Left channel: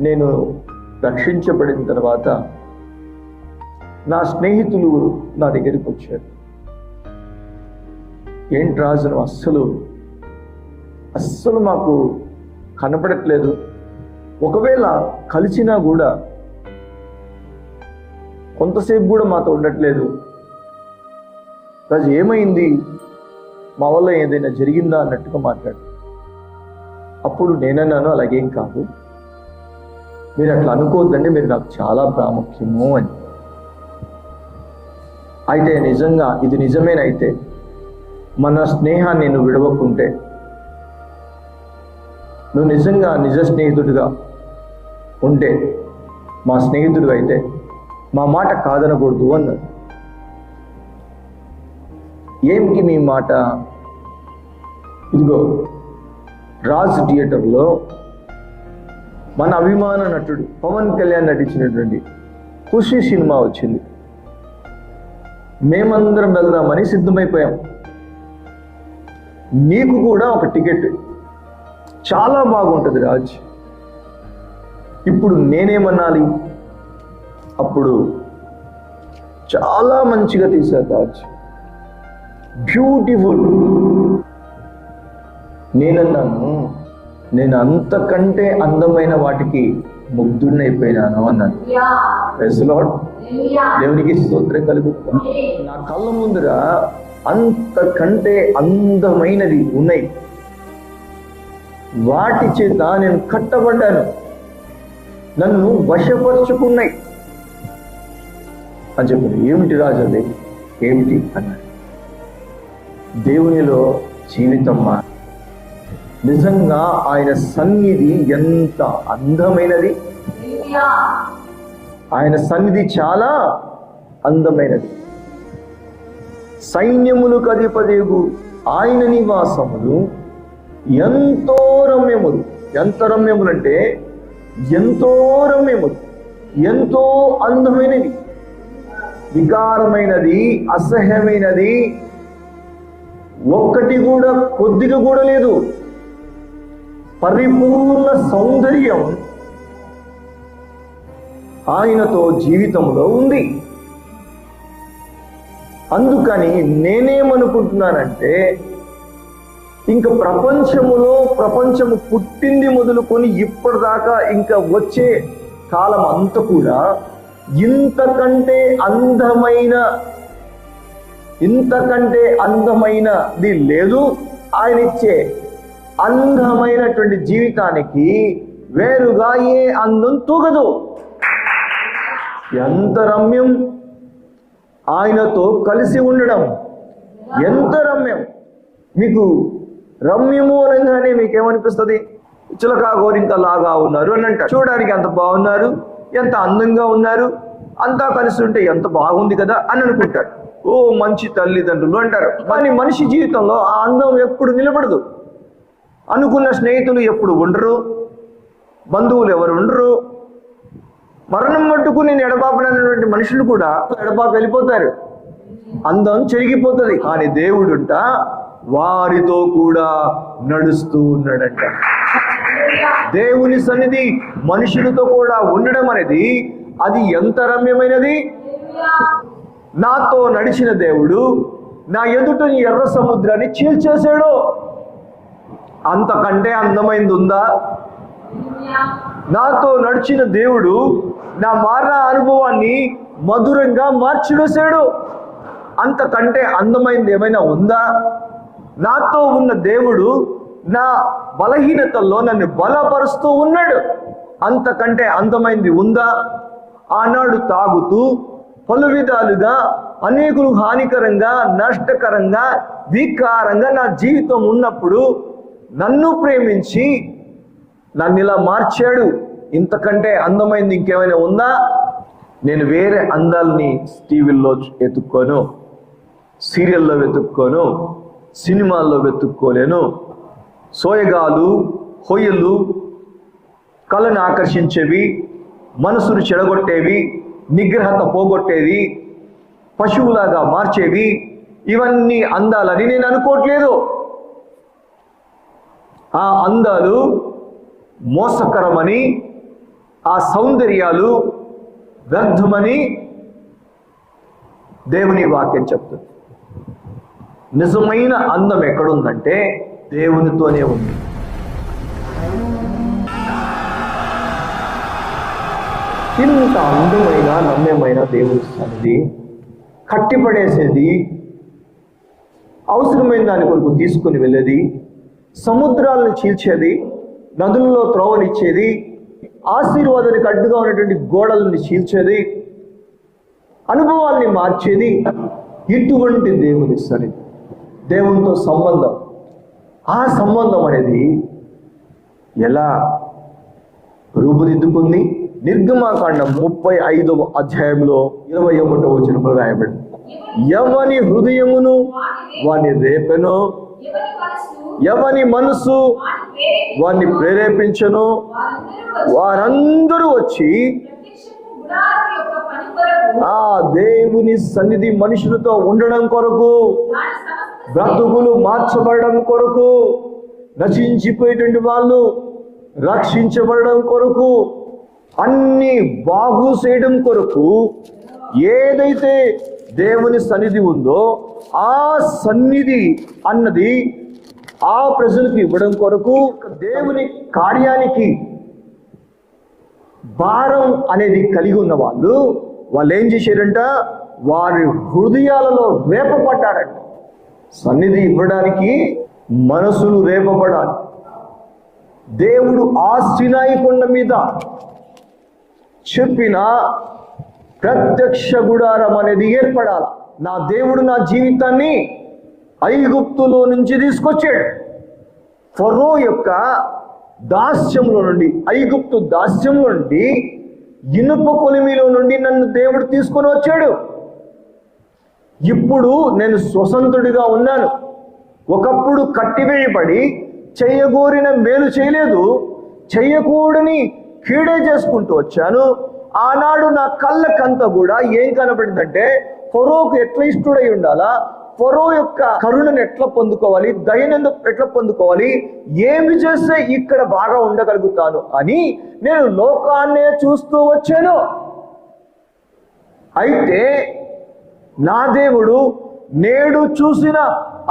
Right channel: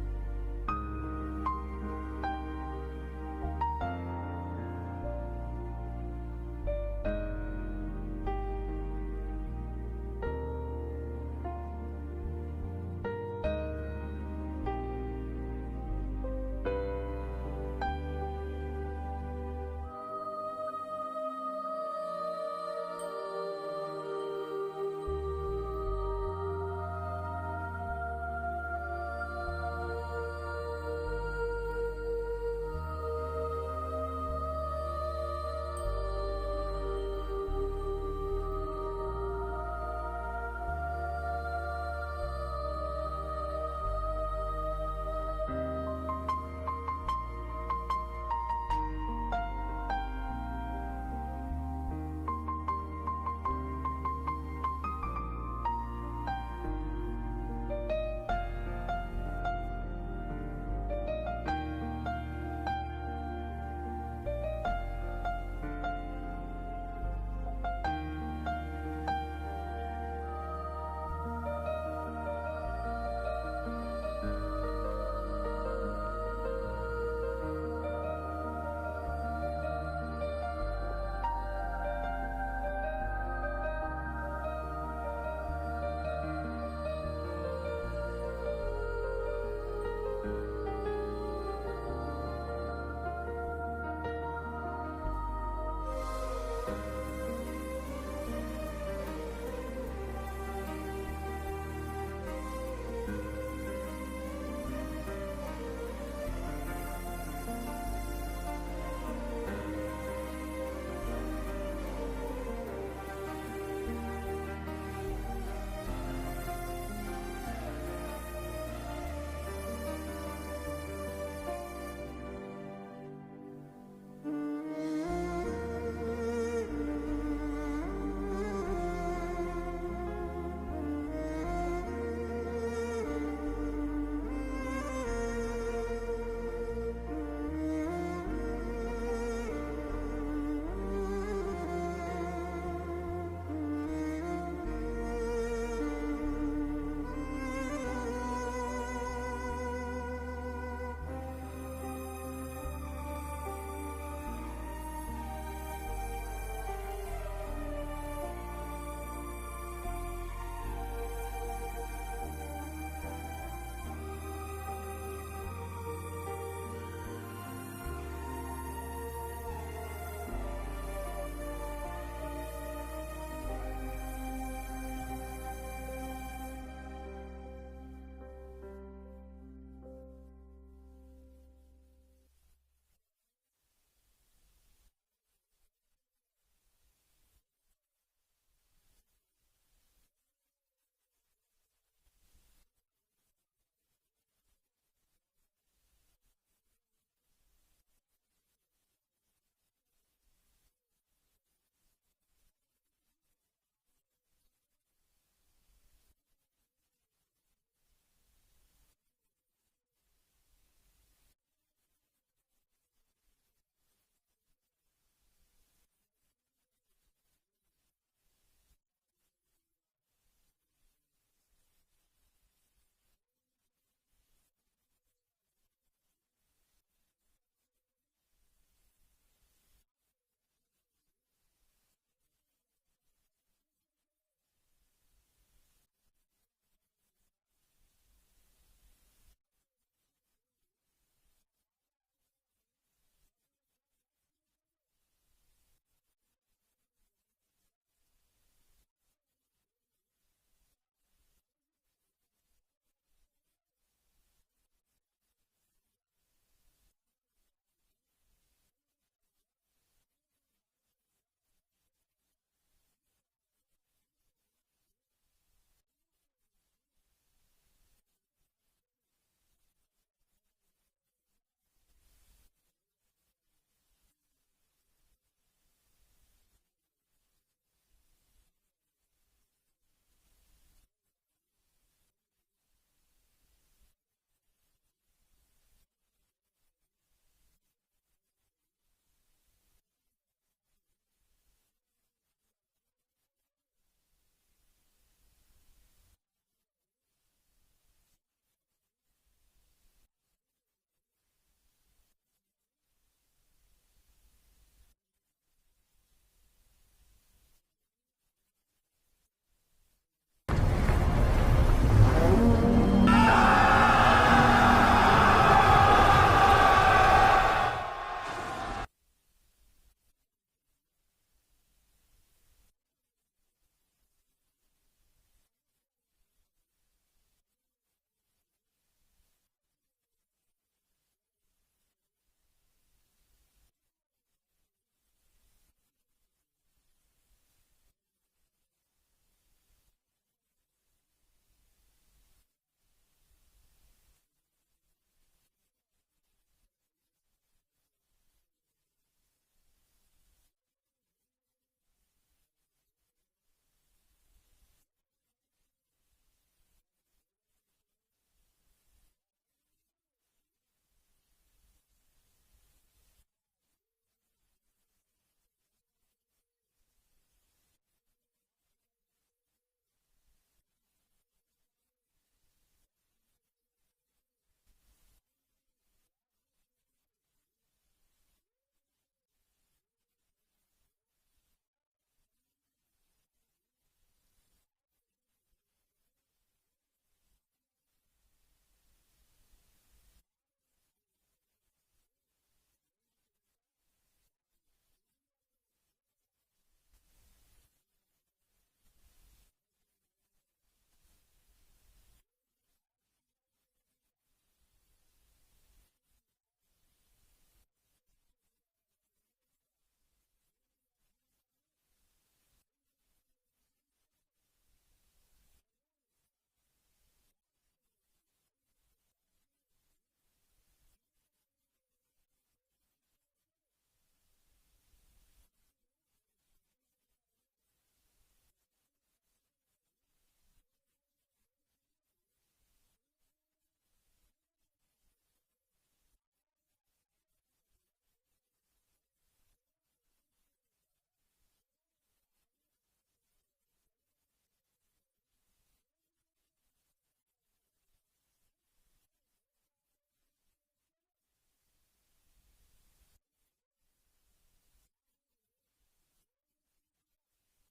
నేను రక్షించబడిన తర్వాత నా స్నేహితులు నా దగ్గరికి వచ్చారు. ఏంటి రాజు నువ్వు అస్సలు అస్సలు మాకు కనపడట్లేదు. ఒకవేళ కలిసినా కూడా కొంతసేపు కూడా మాతో ఉండట్లేదు. రాజు ఏమైంది? మా వల్ల ఏదైనా జరిగిందా? అన్నట్టుగా మాట్లాడు. అప్పుడు నేనన్నాను అలాగేం కాదు. మీరు అట్లా అనుకోవద్దండి మీరు నాకు చాలా ప్రాముఖ్యము అని. అయితే నిజంగా ఇది నిజమేనైతే మన స్నేహాన్ని నువ్వు విడవకుంటే నువ్వు నిజంగా నిజ స్నేహితుడిగా ఉంటే మా స్నేహితుడు అయితే మా మాట కాదనకూడదు అన్నారు ఏమిటి మీ మాట? ఇదిగో రాజ్ థియేటర్లో మన అభిమాన నటుడు పవన్ కళ్యాణ్ నటించినటువంటి ఖుషి సినిమా వచ్చింది. మేమందరం వెళ్దామని సిద్ధమైపోయాం. నీకు కూడా ఒక టికెట్. చాలా బాగుంటుంది రాజ్. ఇప్పుడు నేనేమనాలి అప్పుడు చాలా మంచిగా తీశారు రాజ్. బ్యూటిఫుల్. నేనన్నాను నేను అంతకంటే అందమైన వాటికి ముగ్ధుడినైపోయినాను అన్నాను Praise the Lord. దేవునికి స్తోత్రం కలుగుతాం నా కళ్ళ ముందర అంతకంటే అందమైనది ఉన్నాయి. వాటి చేత నేను కట్టబడ్డాను. నన్ను వశపరుచుకున్నాయి. అని చెప్పింది ఏమిటి రాజు అది? ఏమిటి? అన్నాడు. దేవునిలో జీవితం మా నిజంగా ఆయన సన్నిధి ఎంత అందమైనది? ఆయన సన్నిధి చాలా అందమైనది. సైన్యములకు అధిపదేగు ఆయన నివాసములు ఎంతో రమ్యములు. ఎంత రమ్యములు అంటే ఎంతో రమ్యములు ఎంతో అందమైనది వికారమైనది అసహ్యమైనది ఒక్కటి కూడా కొద్దిగా కూడా లేదు. పరిపూర్ణ సౌందర్యం ఆయనతో జీవితంలో ఉంది. అందుకని నేనేమనుకుంటున్నానంటే ఇంకా ప్రపంచములో ప్రపంచము పుట్టింది మొదలుకొని ఇప్పటిదాకా ఇంకా వచ్చే కాలం అంతా కూడా ఇంతకంటే అందమైన ఇంతకంటే అందమైనది లేదు. ఆయన ఇచ్చే అందమైనటువంటి జీవితానికి వేరుగా ఏ అందం తూగదు. ఎంత రమ్యం ఆయనతో కలిసి ఉండడం. ఎంత రమ్యం. మీకు రమ్యము అనగానే మీకు ఏమనిపిస్తుంది చిలకా గోరింక లాగా ఉన్నారు అని అంటారు. చూడడానికి ఎంత బాగున్నారు ఎంత అందంగా ఉన్నారు అంతా కలిసి ఉంటే ఎంత బాగుంది కదా అని అనుకుంటాడు ఓ మంచి తల్లిదండ్రులు అంటారు. కానీ మనిషి జీవితంలో ఆ అందం ఎప్పుడు నిలబడదు. అనుకున్న స్నేహితులు ఎప్పుడు ఉండరు? బంధువులు ఎవరు ఉండరు? మరణం మట్టుకు నేను ఎడబాపనటువంటి మనుషులు కూడా ఎడబాపు వెళ్ళిపోతారు. అందం చెరిగిపోతుంది. కానీ దేవుడుంట వారితో కూడా నడుస్తూ ఉన్నాడంట. దేవుని సన్నిధి మనుషులతో కూడా ఉండడం అనేది అది ఎంత రమ్యమైనది నాతో నడిచిన దేవుడు నా ఎదుట ఎర్ర సముద్రాన్ని చీల్చేశాడు. అంతకంటే అందమైంది ఉందా నాతో నడిచిన దేవుడు నా మారిన అనుభవాన్ని మధురంగా మార్చివేశాడు. అంతకంటే అందమైంది ఏమైనా ఉందా? నాతో ఉన్న దేవుడు నా బలహీనతల్లో నన్ను బలపరుస్తూ ఉన్నాడు. అంతకంటే అందమైంది ఉందా? ఆనాడు తాగుతూ పలు విధాలుగా అనేకులు హానికరంగా నష్టకరంగా వికారంగా నా జీవితం ఉన్నప్పుడు నన్ను ప్రేమించి నన్ను ఇలా మార్చాడు. ఇంతకంటే అందమైంది ఇంకేమైనా ఉందా? నేను వేరే అందాలని టీవీల్లో వెతుక్కోను సీరియల్లో వెతుక్కోను సినిమాల్లో వెతుక్కోలేను. సోయగాలు హొయ్యలు కళను ఆకర్షించేవి మనసును చెడగొట్టేవి నిగ్రహత పోగొట్టేవి పశువులాగా మార్చేవి ఇవన్నీ అందాలని నేను అనుకోవట్లేదు. ఆ అందాలు మోసకరమని ఆ సౌందర్యాలు వ్యర్థమని దేవుని వాక్యం చెప్తుంది. నిజమైన అందం ఎక్కడుందంటే దేవునితోనే ఉంది. ఇంత అందమైన నమ్యమైన దేవుని సన్నిధి కట్టిపడేసేది అవసరమైన దాని కొరకు తీసుకుని వెళ్ళేది సముద్రాలను చీల్చేది నదులలో త్రోవనిచ్చేది ఆశీర్వాదానికి అడ్డుగా ఉన్నటువంటి గోడలను చీల్చేది అనుభవాల్ని మార్చేది ఇటువంటి దేవుని సరి దేవునితో సంబంధం. ఆ సంబంధం అనేది ఎలా రూపుదిద్దుకుంది? నిర్గమాకాండం ముప్పై ఐదవ అధ్యాయంలో ఇరవై ఒకటో వచనంలో రాయబడింది. ఎవని హృదయమును వాని రేపెను? ఎవని మనసు వారిని ప్రేరేపించను? వారందరూ వచ్చి ఆ దేవుని సన్నిధి మనుషులతో ఉండడం కొరకు బ్రతుకులు మార్చబడడం కొరకు నశించిపోయేటువంటి వాళ్ళు రక్షించబడడం కొరకు అన్ని బాగు చేయడం కొరకు ఏదైతే దేవుని సన్నిధి ఉందో ఆ సన్నిధి అన్నది ఆ ప్రజలకు ఇవ్వడం కొరకు దేవుని కార్యానికి భారం అనేది కలిగి ఉన్న వాళ్ళు వాళ్ళు ఏం చేశారంట? వారి హృదయాలలో రేపపడ్డారంట సన్నిధి ఇవ్వడానికి మనసులు రేపబడాలి దేవుడు ఆ సినాయి కొండ మీద చెప్పిన ప్రత్యక్ష గుడారం అనేది ఏర్పడాలి. నా దేవుడు నా జీవితాన్ని ఐగుప్తులో నుంచి తీసుకొచ్చాడు. ఫరో యొక్క దాస్యంలో నుండి ఐగుప్తు దాస్యం నుండి ఇనుప కొలిమిలో నుండి నన్ను దేవుడు తీసుకొని వచ్చాడు. ఇప్పుడు నేను స్వతంత్రుడిగా ఉన్నాను. ఒకప్పుడు కట్టివేయబడి చేయగోరిన మేలు చేయలేదు. చేయకూడని కీడే చేసుకుంటూ వచ్చాను. ఆనాడు నా కళ్ళకంతా కూడా ఏం కనబడిందంటే ఫరోకు ఎట్లా ఇష్టడై ఉండాలా? ఫరో యొక్క కరుణను ఎట్లా పొందుకోవాలి? దయనందు ఎట్లా పొందుకోవాలి? ఏమి చేస్తే ఇక్కడ బాగా ఉండగలుగుతాను అని నేను లోకాన్నే చూస్తూ వచ్చాను. అయితే నా దేవుడు నేడు చూసిన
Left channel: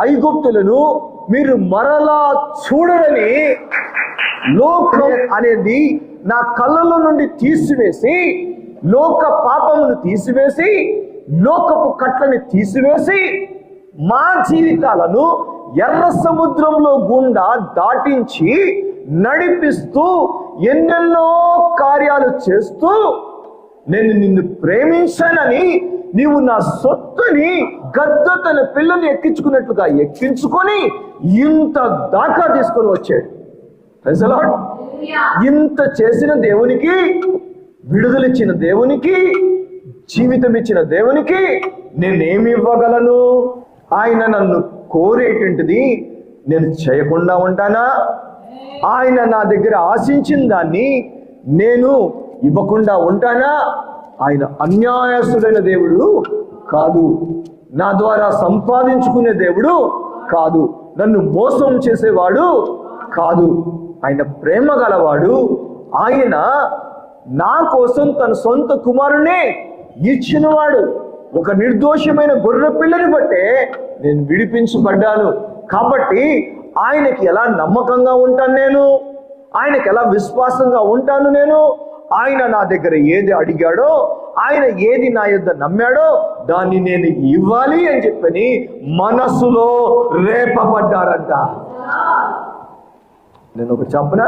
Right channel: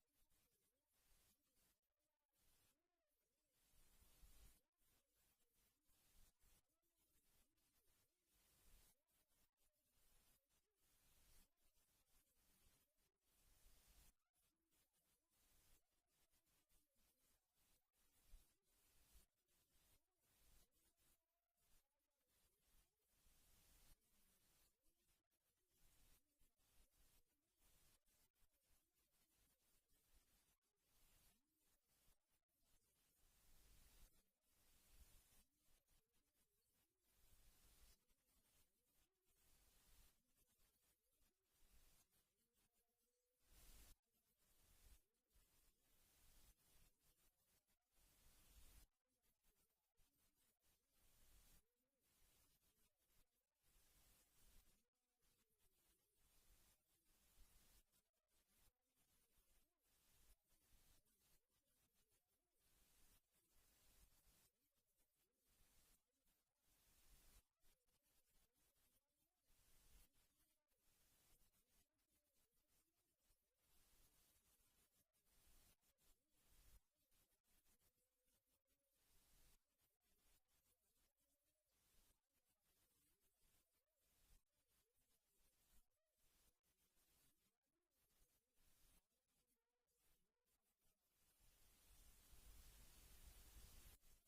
ఐగుప్తులను మీరు మరలా చూడరని లోకం అనేది నా కళ్ళలో నుండి తీసివేసి లోక పాపమును తీసివేసి లోకపు కట్లని తీసివేసి మా జీవితాలను ఎర్ర సముద్రంలో గుండా దాటించి నడిపిస్తూ ఎన్నెన్నో కార్యాలు చేస్తూ నేను నిన్ను ప్రేమించానని నీవు నా సొత్తుని గద్ద తన పిల్లల్ని ఎక్కించుకున్నట్లుగా ఎక్కించుకొని ఇంత దాకా తీసుకొని వచ్చాడు. ఇంత చేసిన దేవునికి విడుదలిచ్చిన దేవునికి జీవితం ఇచ్చిన దేవునికి నేనేమి ఇవ్వగలను? ఆయన నన్ను కోరేటువంటిది నేను చేయకుండా ఉంటానా? ఆయన నా దగ్గర ఆశించిన దాన్ని నేను ఇవ్వకుండా ఉంటానా? ఆయన అన్యాయస్తుడైన దేవుడు కాదు. నా ద్వారా సంపాదించుకునే దేవుడు కాదు. నన్ను మోసం చేసేవాడు కాదు. ఆయన ప్రేమ గలవాడు. ఆయన నా కోసం తన సొంత కుమారునే ఇచ్చినవాడు. ఒక నిర్దోషమైన గొర్రె పిల్లని బట్టే నేను విడిపించబడ్డాను. కాబట్టి ఆయనకి ఎలా నమ్మకంగా ఉంటాను నేను? ఆయనకి ఎలా విశ్వాసంగా ఉంటాను నేను? ఆయన నా దగ్గర ఏది అడిగాడో ఆయన ఏది నా యొద్ నమ్మాడో దాన్ని నేను ఇవ్వాలి అని చెప్పని మనసులో రేపబడ్డారంట. నేను ఒక చెప్పన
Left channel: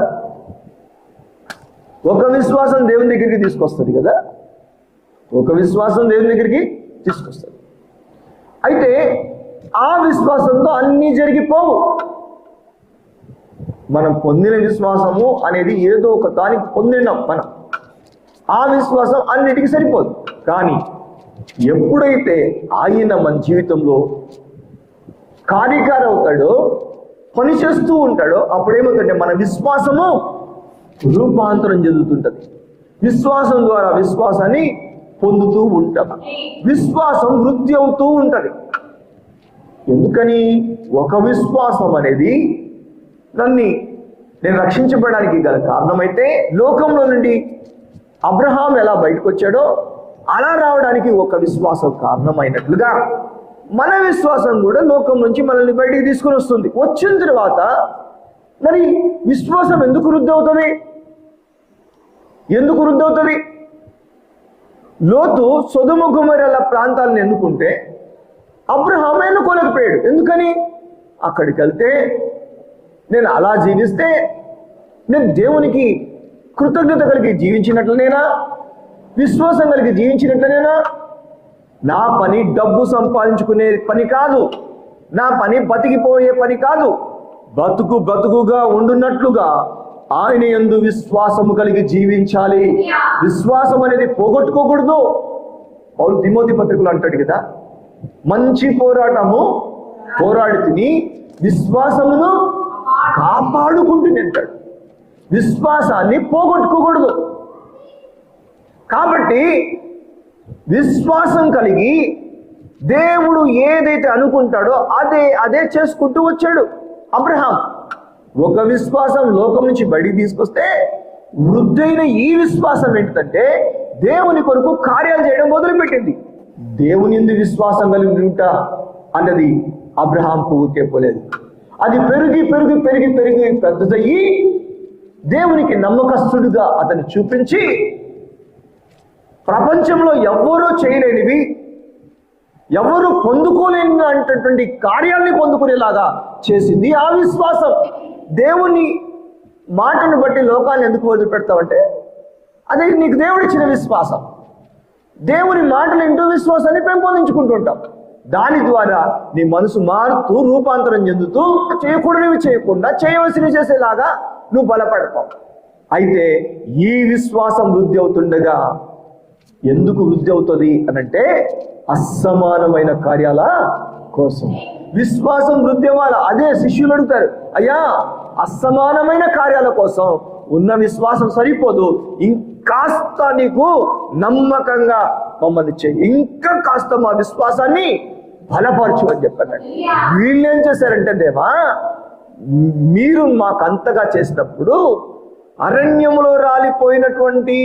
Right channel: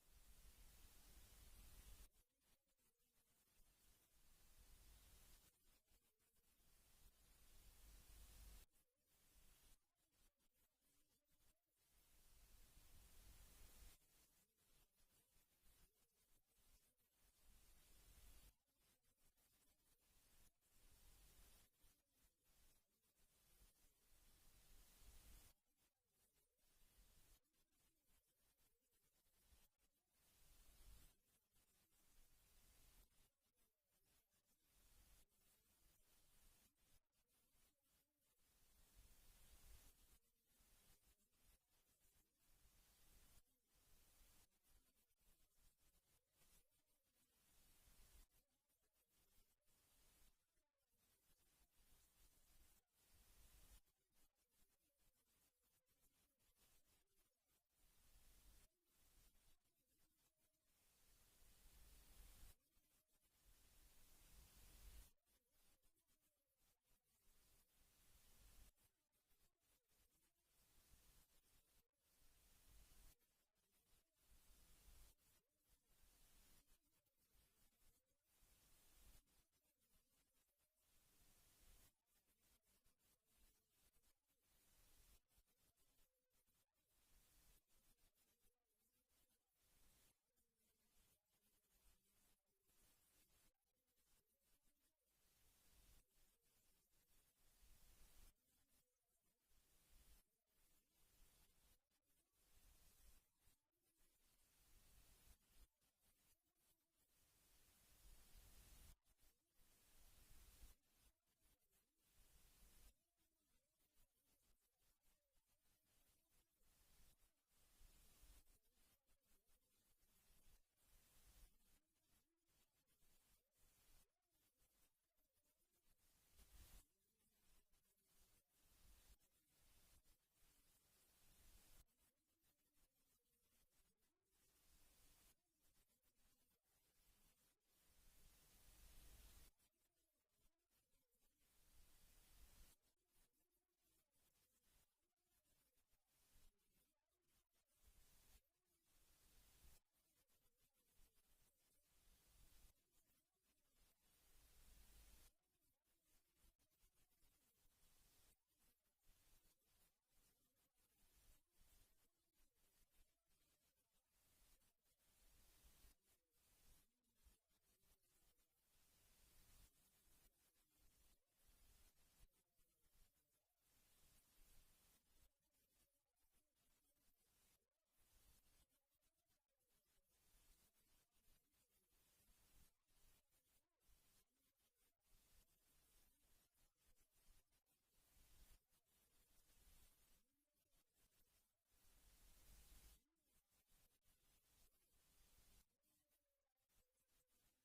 ఒక విశ్వాసం దేవుని దగ్గరికి తీసుకొస్తుంది కదా? ఒక విశ్వాసం దేవుని దగ్గరికి తీసుకొస్తాడు. అయితే ఆ విశ్వాసంతో అన్నీ జరిగిపోవు. మనం పొందిన విశ్వాసము అనేది ఏదో ఒక దానికి పొందినాం మనం ఆ విశ్వాసం అన్నిటికీ సరిపోదు. కానీ ఎప్పుడైతే ఆయన మన జీవితంలో కార్యకారి అవుతాడో పని చేస్తూ ఉంటాడో అప్పుడేమవుతుందంటే మన విశ్వాసము రూపాంతరం చెందుతుంటది. విశ్వాసం ద్వారా విశ్వాసాన్ని పొందుతూ ఉంటాం విశ్వాసం వృద్ధి అవుతూ ఉంటుంది. ఎందుకని? ఒక విశ్వాసం అనేది నన్ను నేను రక్షించబడడానికి గల కారణమైతే లోకంలో నుండి అబ్రహాం ఎలా బయటకు వచ్చాడో అలా రావడానికి ఒక విశ్వాసం కారణమైనట్లుగా మన విశ్వాసం కూడా లోకం నుంచి మనల్ని బయటికి తీసుకుని వస్తుంది. వచ్చిన తర్వాత మరి విశ్వాసం ఎందుకు వృద్ధి అవుతుంది? ఎందుకు వృద్ధి అవుతుంది? లోతు సొదుమ గుమరల ప్రాంతాలను ఎన్నుకుంటే అబ్రహాం ఎన్నుకోలేకపోయాడు. ఎందుకని? అక్కడికి వెళ్తే నేను అలా జీవిస్తే నేను దేవునికి కృతజ్ఞత కలిగి జీవించినట్లనేనా? విశ్వాసం కలిగి జీవించినట్లనేనా? నా పని డబ్బు సంపాదించుకునే పని కాదు. నా పని బతికిపోయే పని కాదు. బతుకు బతుకుగా ఉండున్నట్లుగా ఆయన ఎందు విశ్వాసము కలిగి జీవించాలి. విశ్వాసం అనేది పోగొట్టుకోకూడదు. అవును దిమోతి పత్రికలు అంటాడు కదా మంచి పోరాటము పోరాడి తిని విశ్వాసమును కాపాడుకుంటూనే అంటాడు. విశ్వాసాన్ని పోగొట్టుకోకూడదు. కాబట్టి విశ్వాసం కలిగి దేవుడు ఏదైతే అనుకుంటాడో అదే అదే చేసుకుంటూ వచ్చాడు అబ్రహాం. ఒక విశ్వాసం లోకం నుంచి బయటికి తీసుకొస్తే వృద్ధైన ఈ విశ్వాసం ఏంటంటే దేవుని కొరకు కార్యాలు చేయడం మొదలుపెట్టింది. దేవుని ఎందు విశ్వాసం కలిగి ఉంటా అన్నది అబ్రహాం ఊరికే పోలేదు. అది పెరిగి పెరిగి పెరిగి పెరిగి పెద్దదయ్యి దేవునికి నమ్మకస్తుడిగా అతను చూపించి ప్రపంచంలో ఎవ్వరూ చేయలేనివి ఎవరు పొందుకోలేని అంటటువంటి కార్యాల్ని పొందుకునేలాగా చేసింది ఆ విశ్వాసం. దేవుని మాటను బట్టి లోకాన్ని ఎందుకు వదిలిపెడతావంటే అది నీకు దేవుడిచ్చిన విశ్వాసం. దేవుని మాటలు ఇంటూ విశ్వాసాన్ని పెంపొందించుకుంటుంటాం. దాని ద్వారా నీ మనసు మారుతూ రూపాంతరం చెందుతూ చేయకూడనివి చేయకుండా చేయవలసినవి చేసేలాగా నువ్వు బలపడతావు. అయితే ఈ విశ్వాసం వృద్ధి అవుతుండగా ఎందుకు వృద్ధి అవుతుంది అనంటే అసమానమైన కార్యాల కోసం. విశ్వాసం వృద్ధి అదే శిష్యులు అడుగుతారు అయ్యా అసమానమైన కార్యాల కోసం ఉన్న విశ్వాసం సరిపోదు. ఇంకాస్త నీకు నమ్మకంగా మమ్మల్ని చేయి. ఇంకా కాస్త మా విశ్వాసాన్ని బలపరచు అని చెప్పారు వీళ్ళు ఏం చేశారంటే దేవా మీరు మాకు అంతగా చేసినప్పుడు అరణ్యములో రాలిపోయినటువంటి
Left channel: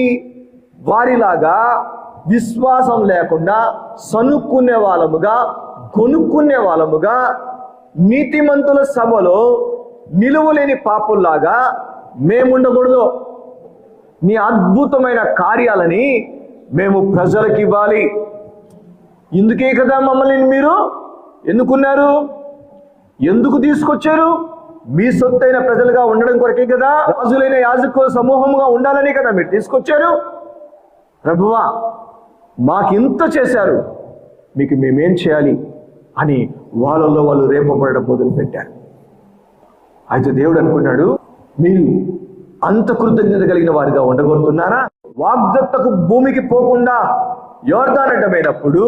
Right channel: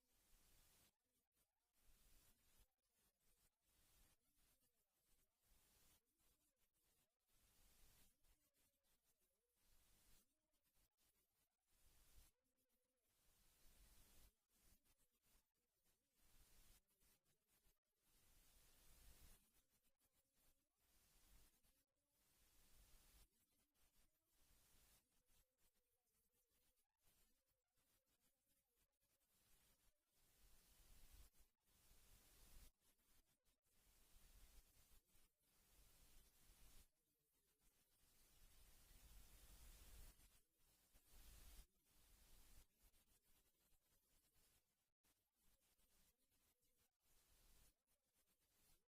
వారిలాగా విశ్వాసం లేకుండా సనుక్కునే వాళ్ళముగా కొనుక్కునే వాళ్ళముగా నీతిమంతుల సభలో నిలువలేని పాపుల్లాగా మేముండకూడదు. నీ అద్భుతమైన కార్యాలని మేము ప్రజలకు ఇవ్వాలి ఇందుకే కదా మమ్మల్ని మీరు ఎందుకున్నారు ఎందుకు తీసుకొచ్చారు? మీ సొత్తైన ప్రజలుగా ఉండడం కొరకే కదా? రాజులైన యాజకుల సమూహంగా ఉండాలని కదా మీరు తీసుకొచ్చారు? ప్రభువా మాకింత చేశారు. మీకు మేమేం చేయాలి? అని వాళ్ళలో వాళ్ళు రేపబడడం మొదలు పెట్టారు అయితే దేవుడు అనుకున్నాడు మీరు అంత కృతజ్ఞత కలిగిన వారిగా ఉండగోరుతున్నారా వాగ్దత్తకు భూమికి పోకుండా యోర్ధాన్ అడ్డమైనప్పుడు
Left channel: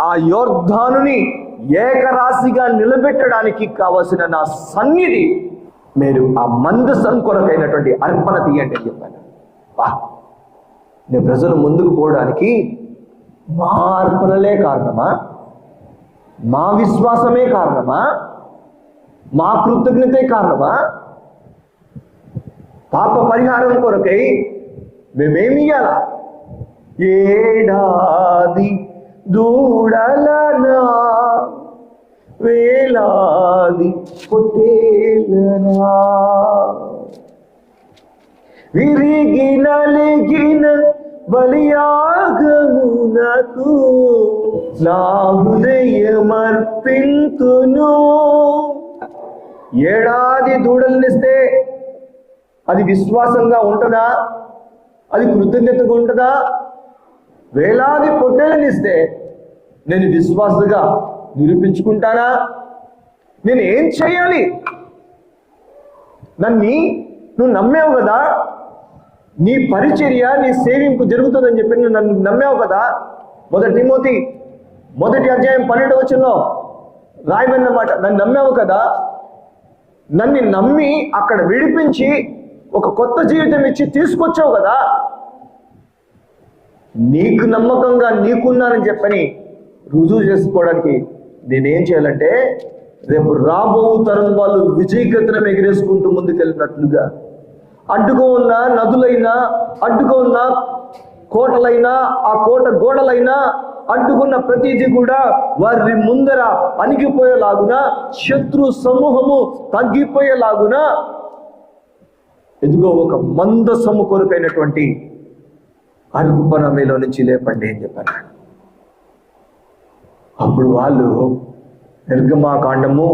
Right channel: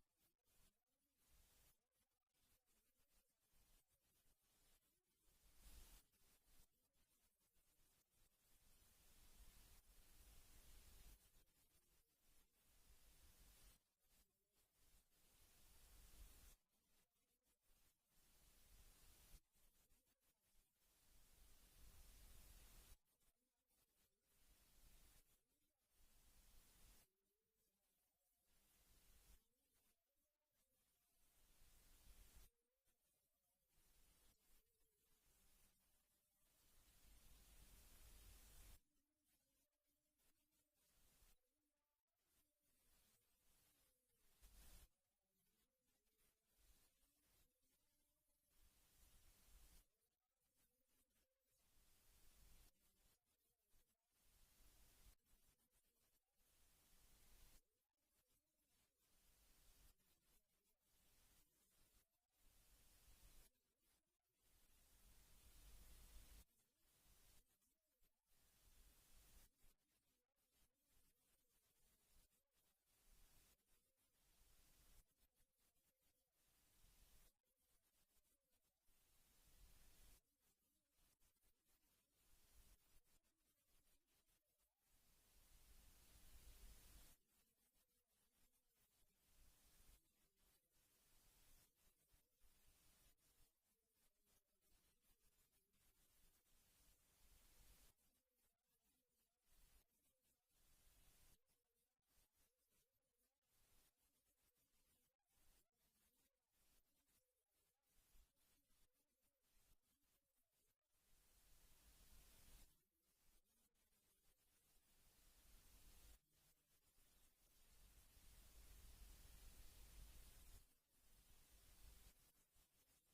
ఆ యోర్ధానుని ఏకరాశిగా నిలబెట్టడానికి కావలసిన నా సన్నిధి మీరు ఆ మందసం కొరకైనటువంటి అర్పణ తీయండి అని చెప్పాను. వా నేను ప్రజలు ముందుకు పోవడానికి మా అర్పణలే కారణమా? మా విశ్వాసమే కారణమా? మా కృతజ్ఞతే కారణమా? పాప పరిహారం కొరకై మేమేమి ఇయ్యాలా? ఏడాది దూడలనా వేలాది పొట్టేలనా విరిగి నలిగిన బలియాగమునకు నా హృదయమర్పింతును. ఏడాది దూడలనిస్తే అది విశ్వాసంగా ఉంటుందా? అది కృతజ్ఞతగా ఉంటుందా? వేలాది పొట్టెలనిస్తే నేను విశ్వాసగా నిరూపించుకుంటానా? నేను ఏం చేయాలి? నన్ను నువ్వు నమ్మావు కదా? నీ పరిచర్య నీ సేవింపు జరుగుతుందని చెప్పి నువ్వు నన్ను నమ్మావు కదా? మొదటి తిమోతి మొదటి అధ్యాయం పన్నెండు వచ్చంలో రాయబడినమాట నన్ను నమ్మావు కదా? నన్ను నమ్మి అక్కడ విడిపించి ఒక కొత్త జీవితం ఇచ్చి తీసుకొచ్చావు కదా? నీకు నమ్మకంగా నీకున్నానని చెప్పని రుజువు చేసుకోవడానికి నేనేం చేయాలంటే రేపు రాబో తరం వాళ్ళు విజయగతనం ఎగిరేసుకుంటూ ముందుకెళ్ళినట్లుగా. అడ్డుగా ఉన్న నదులైనా అడ్డుగా ఉన్న కోటలైనా ఆ కోట గోడలైనా అడ్డుకున్న ప్రతిదీ కూడా వారి ముందర అణిగిపోయేలాగున శత్రు సమూహము తగ్గిపోయేలాగున. ఎదుగో ఒక మందసము కొరకైనటువంటి అర్పణ మీలో నుంచి లేపండి అని చెప్పారు అప్పుడు వాళ్ళు నిర్గమాకాండము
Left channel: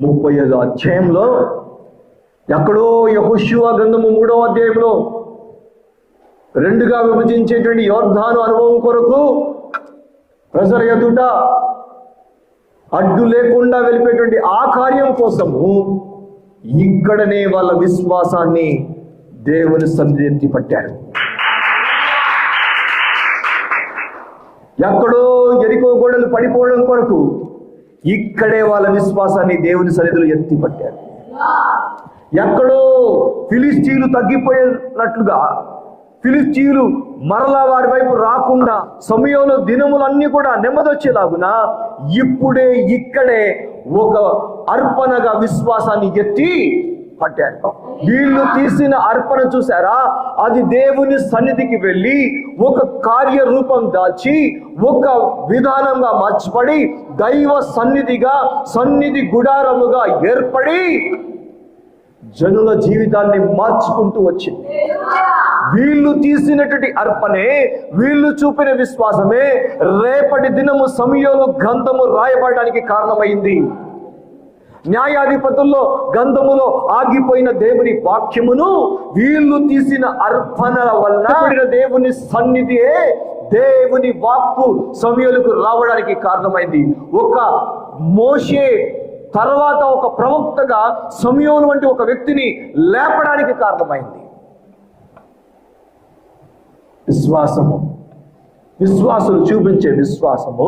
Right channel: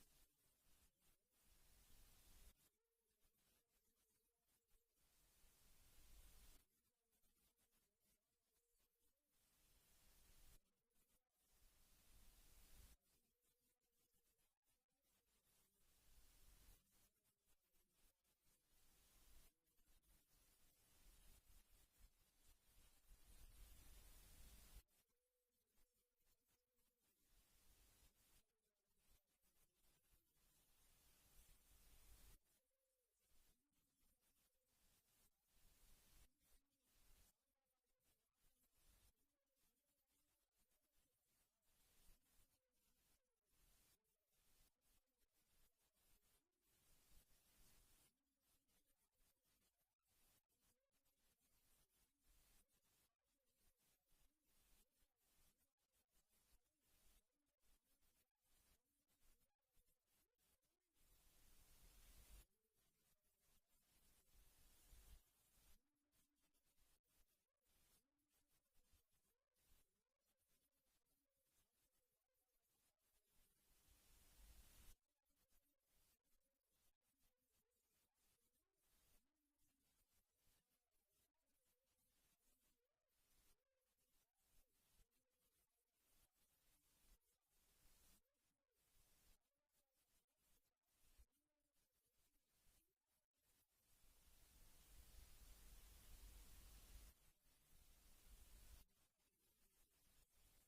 ముప్పై ఐదు అధ్యాయంలో ఎక్కడో యహోశివ గ్రంథము మూడవ అధ్యాయంలో రెండుగా విభజించేటువంటి యోర్ధాను అనుభవం కొరకు ప్రజల ఎదుట అడ్డు లేకుండా వెళ్ళిపోయేటువంటి ఆ కార్యం కోసము ఇక్కడనే వాళ్ళ విశ్వాసాన్ని దేవుని సన్నిధి పట్టారు. ఎక్కడో ఎరికో గోడలు పడిపోవడం కొరకు ఇక్కడే వాళ్ళ విశ్వాసాన్ని దేవుని సన్నిధిలో ఎత్తి పట్టారు. ఎక్కడో ఫిలిస్టీలు తగ్గిపోయినట్లుగా ఫిలిస్తీన్లు మరలా వారి వైపు రాకుండా సమయంలో దినములన్నీ కూడా నెమ్మదొచ్చేలాగున? ఇప్పుడే ఇక్కడే ఒక అర్పణగా విశ్వాసాన్ని ఎత్తి పట్టారు. వీళ్ళు తీసిన అర్పణ చూసారా అది దేవుని సన్నిధికి వెళ్ళి ఒక కార్యరూపం దాల్చి ఒక విధానంగా మార్చిపడి దైవ సన్నిధిగా సన్నిధి గుడారముగా ఏర్పడి జనుల జీవితాన్ని మార్చుకుంటూ వచ్చింది. వీళ్ళు తీసినటువంటి అర్పణే వీళ్ళు చూపిన విశ్వాసమే రేపటి దినము సమయంలో గ్రంథము రాయబడడానికి కారణమైంది. న్యాయాధిపతుల్లో గంధములో ఆగిపోయిన దేవుని వాక్యమును వీళ్ళు తీసిన అర్పణల వల్ల దేవుని సన్నిధియే దేవుని వాక్కు సమయాలకు రావడానికి కారణమైంది. ఒక మోషే తర్వాత ఒక ప్రవక్తగా సమయోను వంటి ఒక వ్యక్తిని లేపడానికి కారణమైంది. విశ్వాసము. విశ్వాసులు చూపించే విశ్వాసము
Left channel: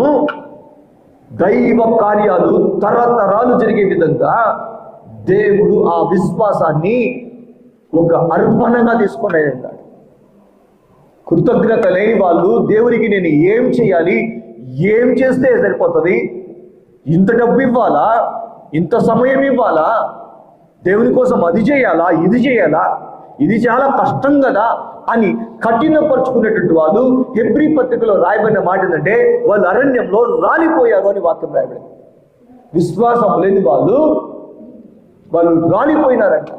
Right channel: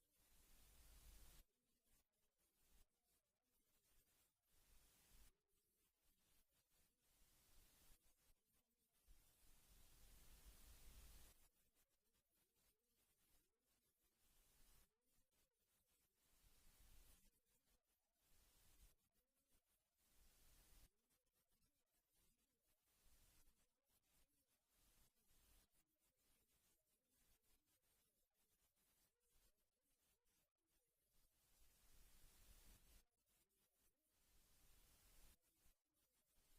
దైవ కార్యాలు తరతరాలు జరిగే విధంగా దేవుడు ఆ విశ్వాసాన్ని ఒక అర్పణగా తీసుకొని అన్నాడు కృతజ్ఞత లేని వాళ్ళు దేవునికి నేను ఏం చేయాలి ఏం చేస్తే సరిపోతుంది ఇంత డబ్బు ఇవ్వాలా ఇంత సమయం ఇవ్వాలా దేవుని కోసం అది చేయాలా ఇది చేయాలా ఇది చాలా కష్టం కదా అని కఠినపరుచుకునేటువంటి వాళ్ళు హెబ్రి పత్రికలో రాయబడిన మాట ఏంటంటే వాళ్ళు అరణ్యంలో రాలిపోయారు అని వాక్యం రాయబడింది. విశ్వాసం లేని వాళ్ళు వాళ్ళు రాలిపోయినారంట.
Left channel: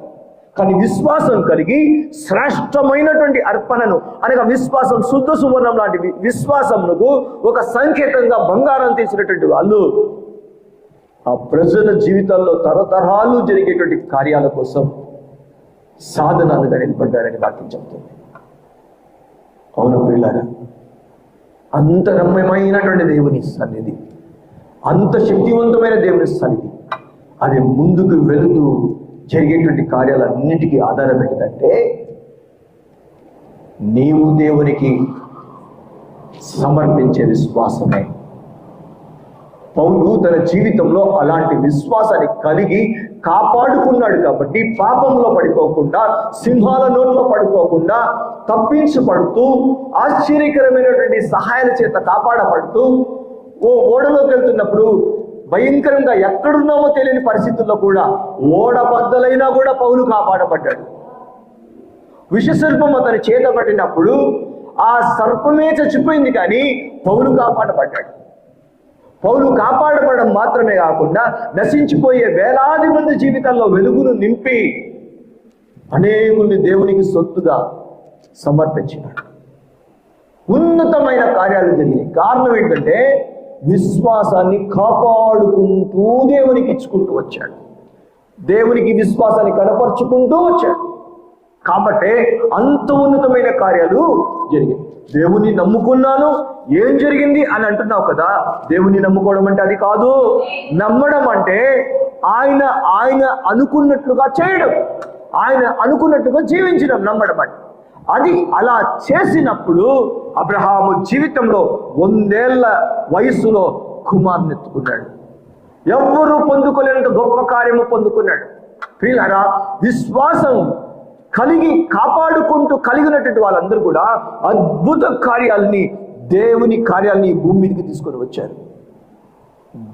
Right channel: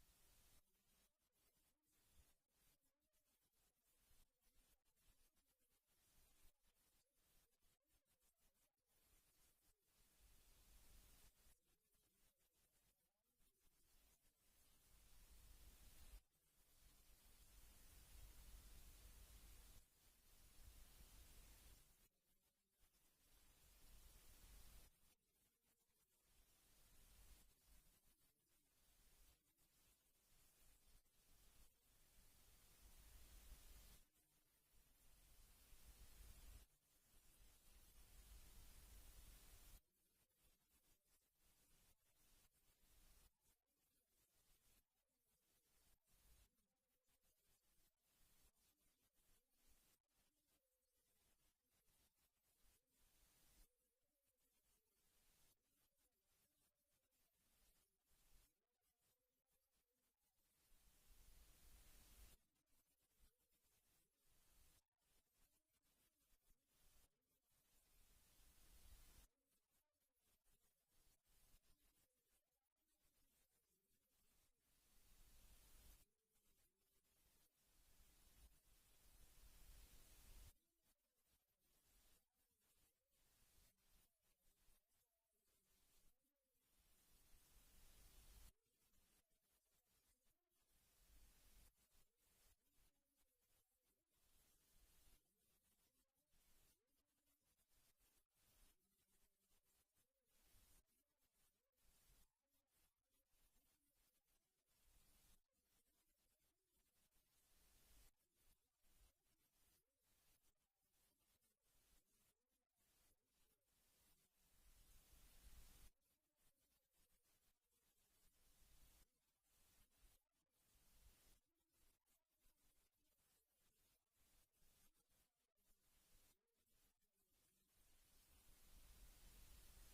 కానీ విశ్వాసం కలిగి శ్రేష్టమైనటువంటి అర్పణను అనగా విశ్వాసం శుద్ధ సువర్ణం లాంటి విశ్వాసమునకు ఒక సంకేతంగా బంగారం తీసినటువంటి వాళ్ళు ఆ ప్రజల జీవితాల్లో తరతరాలు జరిగేటువంటి కార్యాల కోసం సాధనాలుగా నిలబడ్డారని వాక్యం చెప్తుంది. అవును పిల్లారా అంత రమ్యమైనటువంటి దేవుని సన్నిధి అంత శక్తివంతమైన దేవుని సన్నిధి అది ముందుకు వెళుతూ జరిగేటువంటి కార్యాలన్నిటికీ ఆధారం ఏంటంటే నీవు దేవునికి సమర్పించే విశ్వాసమే. పౌలు తన జీవితంలో అలాంటి విశ్వాసాన్ని కలిగి కాపాడుకున్నాడు కాబట్టి పాపంలో పడిపోకుండా సింహాల నోట్లో పడిపోకుండా తప్పించబడుతూ ఆశ్చర్యకరమైనటువంటి సహాయాల చేత కాపాడబడుతూ ఓ ఓడలోకి వెళ్తున్నప్పుడు భయంకరంగా ఎక్కడున్నామో తెలియని పరిస్థితుల్లో కూడా ఓడ బద్దలైనా కూడా పౌలు కాపాడబడ్డాడు. విషసర్పం అతని చేత పట్టినప్పుడు ఆ సర్పమే చచ్చిపోయింది కానీ పౌలు కాపాడబడ్డాడు. పౌలు కాపాడబడడం మాత్రమే కాకుండా నశించిపోయే వేలాది మంది జీవితాల్లో వెలుగును నింపి అనేకుల్ని దేవునికి సొత్తుగా సమర్పించినాడు. ఉన్నతమైన కార్యాలు జరిగినాయి. కారణం ఏంటంటే విశ్వాసాన్ని కాపాడుకుంటూ దేవునికి ఇచ్చుకుంటూ వచ్చాడు. దేవునికి విశ్వాసాన్ని కనపరుచుకుంటూ వచ్చాడు. కాబట్టి అంత ఉన్నతమైన కార్యాలు జరిగాయి దేవుని నమ్ముకున్నాను ఏం జరిగింది అని అంటున్నావు కదా? దేవుని నమ్ముకోవడం అంటే అది కాదు. నమ్మడం అంటే ఆయన ఆయన అనుకున్నట్లుగా చేయడం. ఆయన అనుకున్నట్టుగా జీవించడం నమ్మడం అంటే. అది అలా చేసినప్పుడు అబ్రహాము జీవితంలో వందేళ్ళ వయసులో కుమార్నెత్తుకున్నాడు ఎవ్వరూ పొందుకోలేనంత గొప్ప కార్యము పొందుకున్నాడు. ప్రియులరా విశ్వాసం కలిగి కాపాడుకుంటూ కలిగినటువంటి వాళ్ళందరూ కూడా అద్భుత కార్యాలని దేవుని కార్యాలని భూమి మీదకి తీసుకొని వచ్చారు.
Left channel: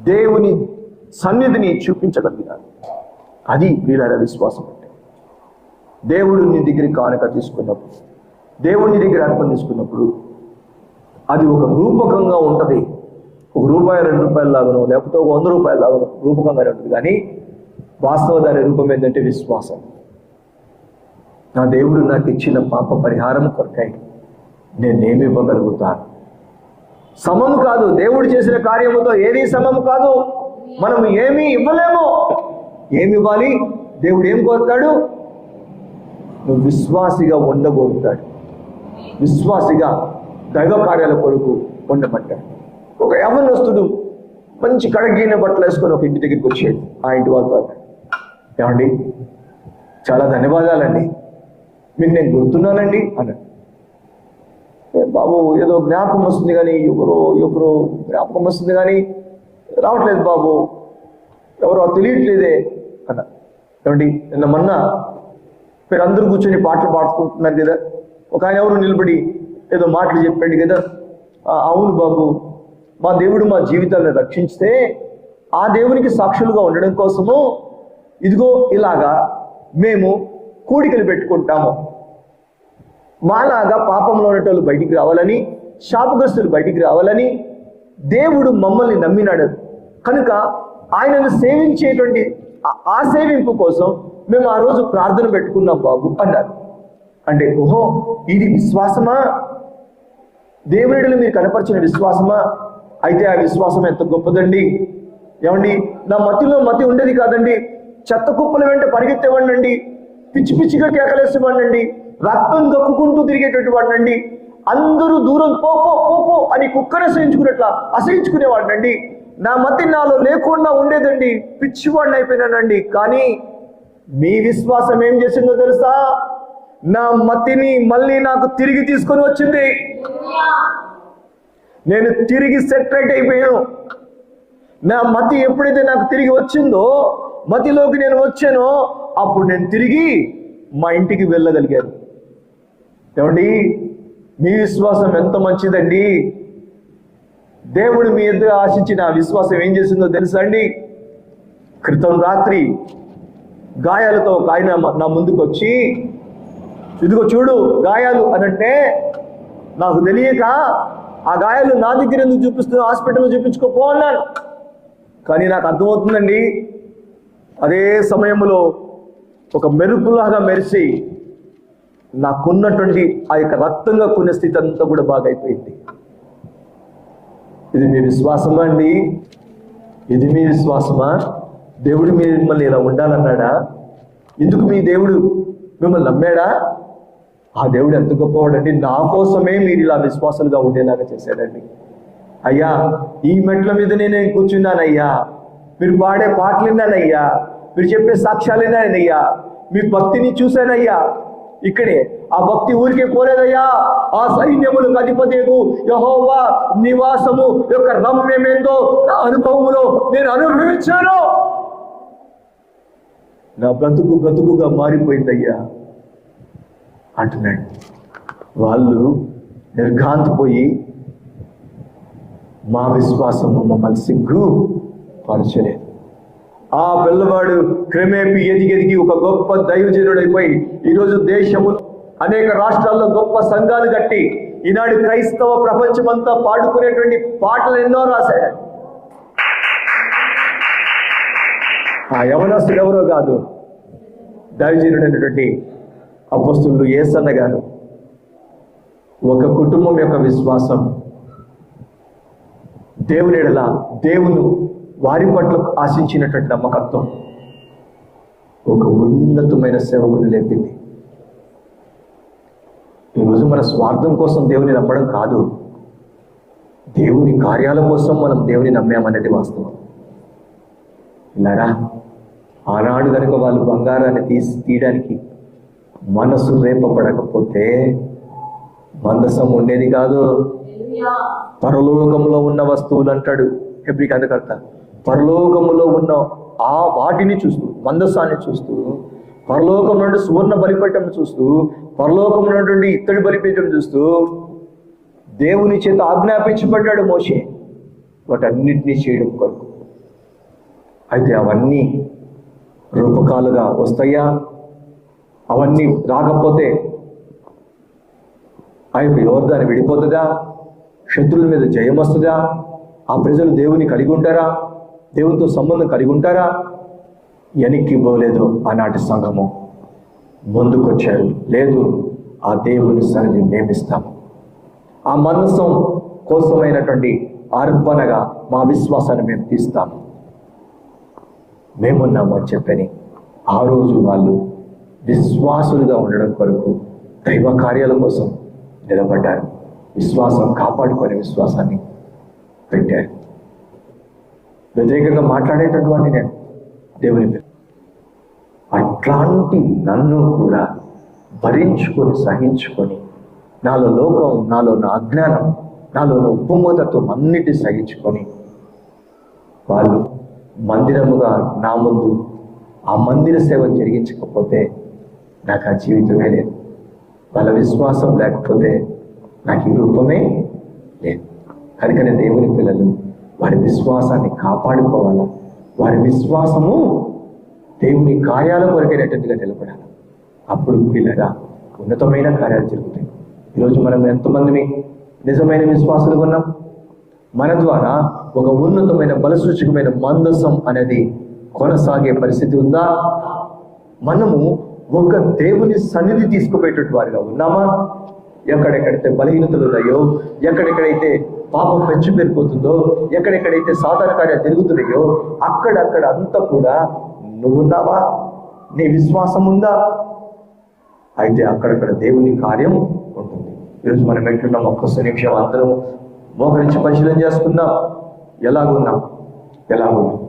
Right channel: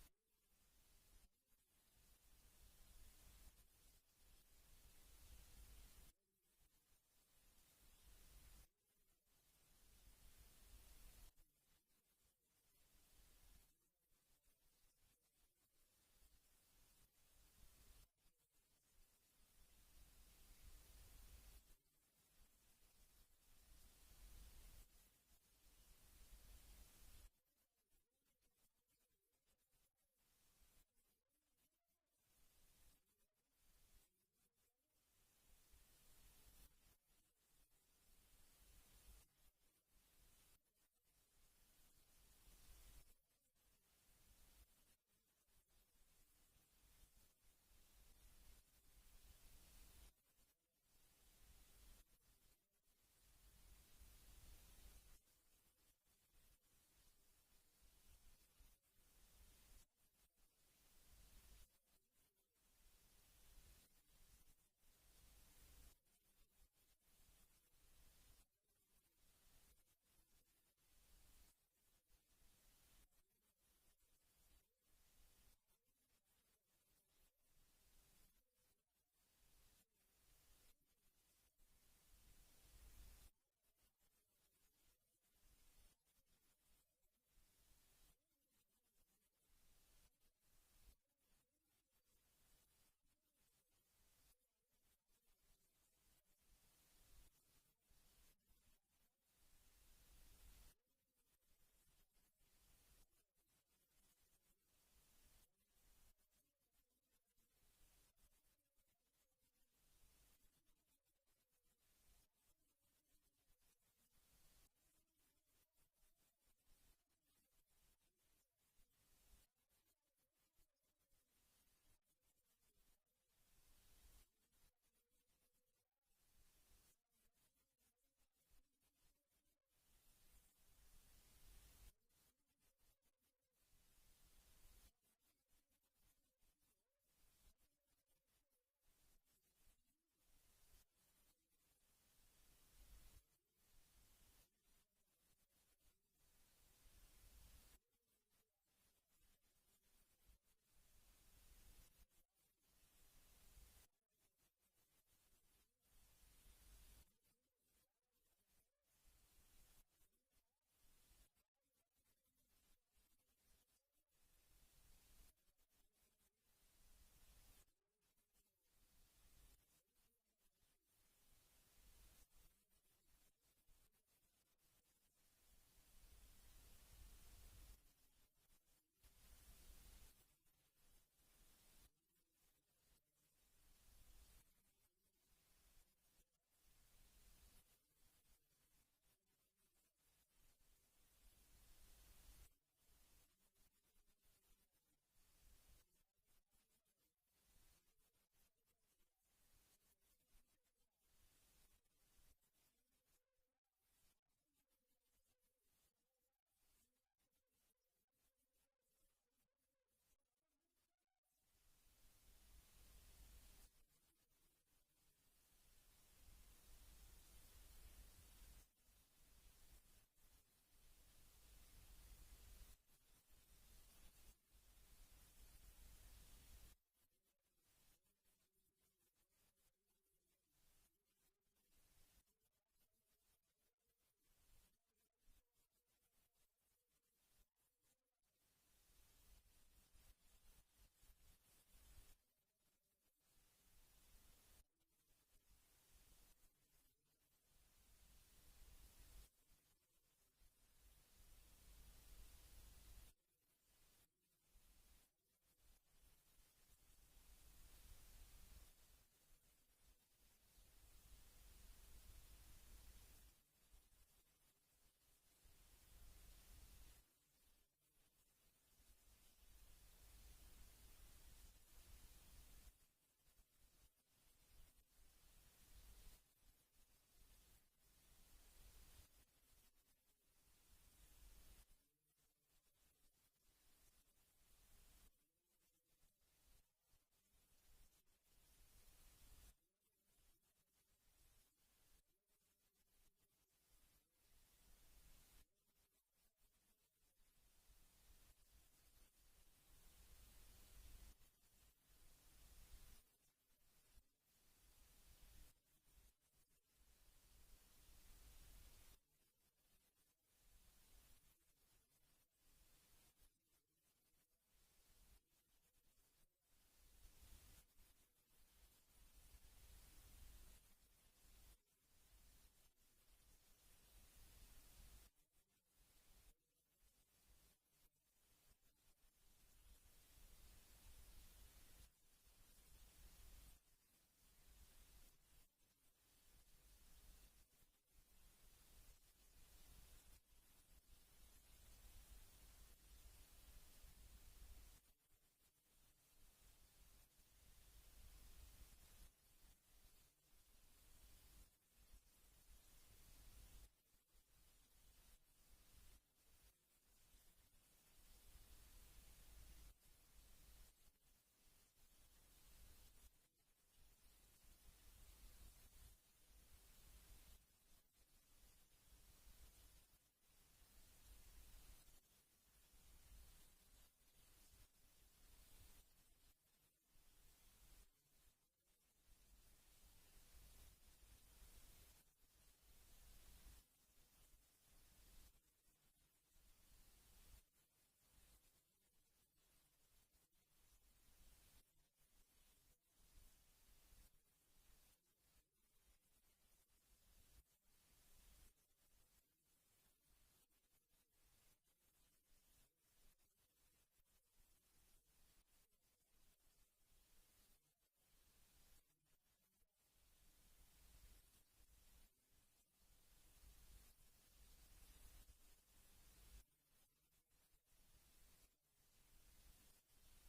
దేవుని సన్నిధిని చూపించగలిగినారు అది వీళ్ళ విశ్వాసం అంటే. దేవుడు నీ దగ్గరికి కానుక తీసుకున్నప్పుడు దేవుడి దగ్గర అర్పణ తీసుకున్నప్పుడు అది ఒక రూపకంగా ఉంటుంది. ఒక రూపాయి రెండు రూపాయల లాగను లేకపోతే ఒక వంద రూపాయల లాగానో రూపకంగానే ఉంటుంది. కానీ వాస్తవ దాని రూపం ఏంటంటే విశ్వాసం. నా దేవుడు నాకు ఇచ్చిన పాప పరిహారం కొరకై నేనేమి ఇవ్వగలుగుతాను సమము కాదు దేవుడు చేసిన కార్యముతో ఏది సమము కాదు. మనం ఏమీ ఇవ్వలేము. ఏమి ఇవ్వాలి దేవుడు ఏం కోరుతాడు? నువ్వు విశ్వాసిగా ఉండగోరుతాడు. విశ్వాసిగా దైవ కార్యాల కొరకు ఉండమంటాడు. ఒక యవనస్తుడు మంచి కడగిన బట్టలు వేసుకొని ఒక ఇంటి దగ్గరికి వచ్చాడు. ఆ ఇంటి వాళ్ళతో ఏమండి? చాలా ధన్యవాదాలండి. మీకు నేను గుర్తున్నానండి అన్నాడు. బాబు ఏదో జ్ఞాపకం వస్తుంది కానీ ఎవరో ఎవరో జ్ఞాపకం వస్తుంది కానీ రావట్లేదు బాబు. ఎవరో తెలియట్లేదే అన్న. ఏమండి నిన్న మొన్న మీరు అందరూ కూర్చొని పాటలు పాడుకుంటున్నారు కదా. ఒక ఆయన ఎవరు నిలబడి ఏదో మాటలు చెప్పాడు కదా. అవును బాబు మా దేవుడు మా జీవితాలను రక్షించితే ఆ దేవునికి సాక్షులుగా ఉండడం కోసము ఇదిగో ఇలాగా మేము కూడికలు పెట్టుకుంటాము. మాలాగా పాపంలో ఉన్నటోళ్ళు బయటికి రావాలని శాపగ్రస్తులు బయటికి రావాలని దేవుడు మమ్మల్ని నమ్మినాడు. కనుక ఆయనను సేవించేటువంటి ఆ- ఆ సేవింపు కోసం మేము ఆ రోజు ప్రార్థన పెట్టుకున్నాం బాబు అన్నారు. అంటే ఓహో ఇది విశ్వాసమా? దేవుడిలో మీరు కనపరిచిన విశ్వాసమా? అయితే ఆ విశ్వాసం ఎంత గొప్పదండి? ఏమండి నా మతిలో మతి ఉండేది కాదండి. చెత్త కుప్పల వెంట పరిగెత్తేవాడినండి. పిచ్చి పిచ్చిగా కేకలేసేవాడినండి. రక్తం దక్కుకుంటూ తిరిగేటటువంటి వాడినండి. అందరూ దూరం పో పో పో పో అని కుక్కను అసహించుకున్నట్లా అసహించుకునేవాడినండి. నా మతి నాలో లేకుండా ఉండేదండి. పిచ్చివాడిని అయిపోయినానండి. కానీ మీ విశ్వాసం ఏం చేసిందో తెలుసా? నా మతిని మళ్ళీ నాకు తిరిగి తీసుకొని వచ్చింది. నేను తిరిగి సెటరేట్ అయిపోయాను. నా మతి ఎప్పుడైతే నాకు తిరిగి వచ్చిందో మతిలోకి నేను వచ్చానో అప్పుడు నేను తిరిగి మా ఇంటికి వెళ్ళగలిగాను. ఏమండి? మీ విశ్వాసం ఎంత మంచిదండి? దేవుడు మీ ఎదురు ఆశించిన విశ్వాసం ఏం చేసిందో తెలుసా అండి? క్రితం రాత్రి గాయాలతో ఒక ఆయన నా ముందుకు వచ్చి ఇదిగో చూడు గాయాలు అనంటే నాకు తెలియక ఆ గాయాలు నా దగ్గర ఎందుకు చూపిస్తున్నా హాస్పిటల్లో చూపించుకోపో అన్నాను. కానీ నాకు అర్థమవుతుందండి అదే సమయంలో ఒక మెరుపులాగా మెరిసి నాకున్నటువంటి ఆ యొక్క రక్తంగా కొనే స్థితి అంతా కూడా బాగైపోయింది. ఇది మీ విశ్వాసమా అండి? ఇది మీ విశ్వాసమా? దేవుడు మిమ్మల్ని ఇలా ఉండాలన్నాడా? ఎందుకు మీ దేవుడు మిమ్మల్ని నమ్మాడా? ఆ దేవుడు ఎంత గొప్పవాడండి. నా కోసమే మీరు ఇలా విశ్వాసాలుగా ఉండేలాగా చేశాడండి. అయ్యా ఈ మెట్ల మీద నేను కూర్చున్నానయ్యా. మీరు పాడే పాటలు విన్నానయ్యా మీరు చెప్పే సాక్ష్యాలు విన్నానయ్యా మీ భక్తిని చూశానయ్యా. ఇక్కడే. ఆ భక్తి ఊరికే పోలేదయ్యా. ఆ సైన్యములకు అధిపతికు యహోవా నివాసము యొక్క రమ్యమేందో నా అనుభవములో నేను అనుభవించాను. నా బ్రతుకు బ్రతుకుగా మారిపోయిందయ్యా అంటున్నాడు. వాళ్ళు నిర్ఘాంతపోయి మా విశ్వాసము మమ్మల్ని సిగ్గు పరచలేదు ఆ పిల్లవాడు క్రమేపీ ఎదిగి ఎదిగి ఒక గొప్ప దైవజనుడైపోయి ఈరోజు దేశము అనేక రాష్ట్రాల్లో గొప్ప సంఘాలు కట్టి ఈనాడు క్రైస్తవ ప్రపంచమంతా పాడుకునేటువంటి పాటలు ఎన్నో రాశాడు. ఆ యవనస్తుడు ఎవరో కాదు దైవజనుడైనటువంటి అపస్తులు ఏసన్న గారు. ఒక కుటుంబం యొక్క విశ్వాసం దేవుని దేవును వారి పట్ల ఆశించినటువంటి నమ్మకత్వం ఒక ఉన్నతమైన సేవకుని లేపింది. ఈరోజు మన స్వార్థం కోసం దేవుని నమ్మడం కాదు. దేవుని కార్యాల కోసం మనం దేవుని నమ్మామనేది వాస్తవం. ఇలారా ఆనాడు కనుక వాళ్ళు బంగారాన్ని తీసి తీయడానికి మనసు రేపబడకపోతే మందసం ఉండేది కాదు. పరలోకంలో ఉన్న వస్తువులు అంటాడు హెబ్రిక్ అందుకర్త పరలోకములో ఉన్న ఆ వాటిని చూస్తూ మందస్సాన్ని చూస్తూ పరలోకం నుండి సువర్ణ బలిపీఠం చూస్తూ పరలోకం నుండి ఇత్తడి బలిపీఠం చూస్తూ దేవుని చేత ఆజ్ఞాపించబడ్డాడు మోసే వాటన్నిటినీ చేయడం కొరకు. అయితే అవన్నీ రూపకాలుగా వస్తాయా? అవన్నీ రాకపోతే ఆ యొక్క విడిపోతుందా? శత్రువుల మీద జయం వస్తుందా ఆ ప్రజలు దేవుని కలిగి ఉంటారా? దేవునితో సంబంధం కలిగి ఉంటారా? వెనక్కి పోలేదు ఆనాటి సంఘము. ముందుకొచ్చారు. లేదు ఆ దేవుని సన్నిధి మేమిస్తాము. ఆ మనసం కోసమైనటువంటి అర్పణగా మా విశ్వాసాన్ని మేము తీస్తాము. మేమున్నాము అని చెప్పని ఆ రోజు వాళ్ళు విశ్వాసులుగా ఉండడం కొరకు దైవ కార్యాల కోసం నిలబడ్డారు. విశ్వాసం కాపాడుకొని విశ్వాసాన్ని పెట్టారు. వ్యతిరేకంగా మాట్లాడేటటువంటి నేను దేవుని అట్లాంటి నన్ను కూడా భరించుకొని సహించుకొని నాలో లోకం నాలో నా అజ్ఞానం నాలో నా ఉప్పుమూతత్వం అన్నిటి సహించుకొని వాళ్ళు మందిరముగా నా ముందు ఆ మందిర సేవ జరిగించకపోతే నాకు ఆ జీవితమే లేదు. వాళ్ళ విశ్వాసం లేకపోతే నాకు ఈ రూపమే లేదు. కనుకనే దేవుని పిల్లలు వారి విశ్వాసాన్ని కాపాడుకోవాలా? వారి విశ్వాసము దేవుని కార్యాల కొరకైనట్టుగా నిలబడాలి అప్పుడు పిల్లగా ఉన్నతమైన కార్యాలు జరుగుతాయి. ఈరోజు మనం ఎంతమంది నిజమైన విశ్వాసులు ఉన్నాం? మన ద్వారా ఒక ఉన్నతమైన బలసూచకమైన మందసం అనేది కొనసాగే పరిస్థితి ఉందా? మనము ఒక దేవుని సన్నిధి తీసుకుపోయేటట్టు వారిగా ఉన్నామా? ఎక్కడెక్కడైతే బలహీనతలు ఉన్నాయో ఎక్కడెక్కడైతే పాపం పెంచి పెరిగిపోతుందో ఎక్కడెక్కడైతే సాధారణ కార్యాలు జరుగుతున్నాయో అక్కడక్కడ అంతా కూడా నువ్వున్నావా నీ విశ్వాసం ఉందా? అయితే అక్కడక్కడ దేవుని కార్యం ఉంటుంది. ఈరోజు మనం ఎట్లున్నాం ఒక్కసారి నిమిషం అందరం మోహరించి పరిశీలన చేసుకుందాం. ఎలాగున్నాం? ఎలాగున్నాం?